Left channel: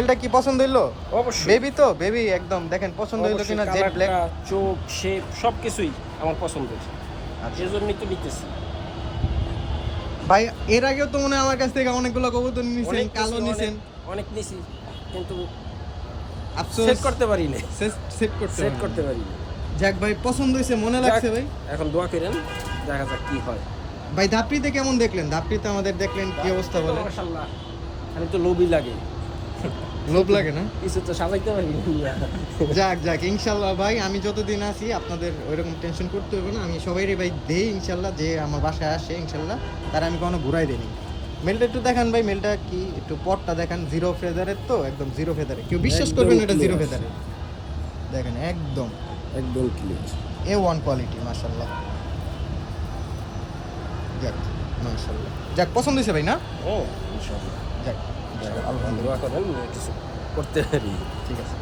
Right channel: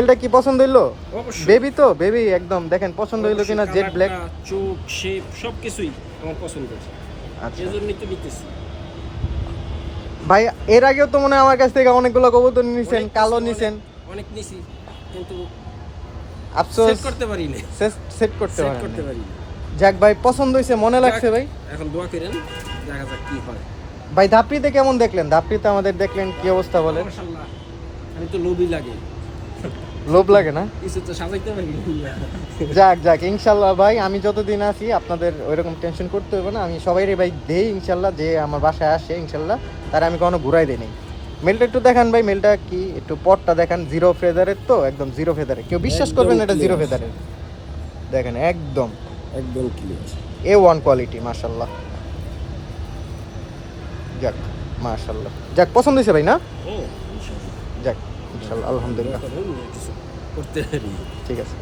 এটা কি পছন্দ হইলো? অবশ্যই বেবি তো বেবি একদম দেখেন পছন্দ হইলো কিনা। জেড ব্ল্যাক কালারটা, চোখ, শেপ সবকিছুই আমার পছন্দের, এজন্যই তো নিতেছি। ভাই এর আগেও তো মনে হয় আমার কাছ থেকে অনেকগুলো কবুতর নিছেন, অনেক কালো নিছি, নিছেন, অনেক নিছি, কিন্তু আফসোস সেট করতে পারি না, সেট করতে সেট পারেন করতে নাই। পারি না। যাক ভাই পছন্দ হইছে, মনে লাগছে যাক, ভাই। এখন দোয়া করেন, দেখা যাক কি হয়। ভাই ধাপড়িতে কেমন দেখলেন? ধাপড়িতে আমাদের দেখলেন কি অবস্থা বলেন? মাশাআল্লাহ, আমি তো লোভই লাগে, লোভ লাগে না? কিছু তো সাজাইতে পারি না। যাক যাক ইনশাল্লাহ ভাই, আমি যতদিন আছি আপনাদের ওইরকম টেনশন করতে হবে না। আমি সবাইরে ভাই দেই ইনশাল্লাহ, যে আমার বাসায় আসে ইনশাল্লাহ তার আমি কখনো ঘুরাই দিইনি। মেলটা একটু দেখান ভাই, মেলটা কি একটু পটটা দেখান। জিরো ফেদারের তো, একদম জিরো ফেদারে, কেউ বিশ্বাস একদম করবেন না এটা জিরো clear। ফেদারের। দেখেন একদম একদম ক্লিয়ার। A1 কোয়ালিটি মাশাল্লাহ। যাক মাশাল্লাহ, যাক পছন্দ হয়েছে ভাই না? ও ইনশাআল্লাহ, যাক আলহামদুলিল্লাহ, দোয়া করেন কিছু করতে পারি। ঠিক আছে।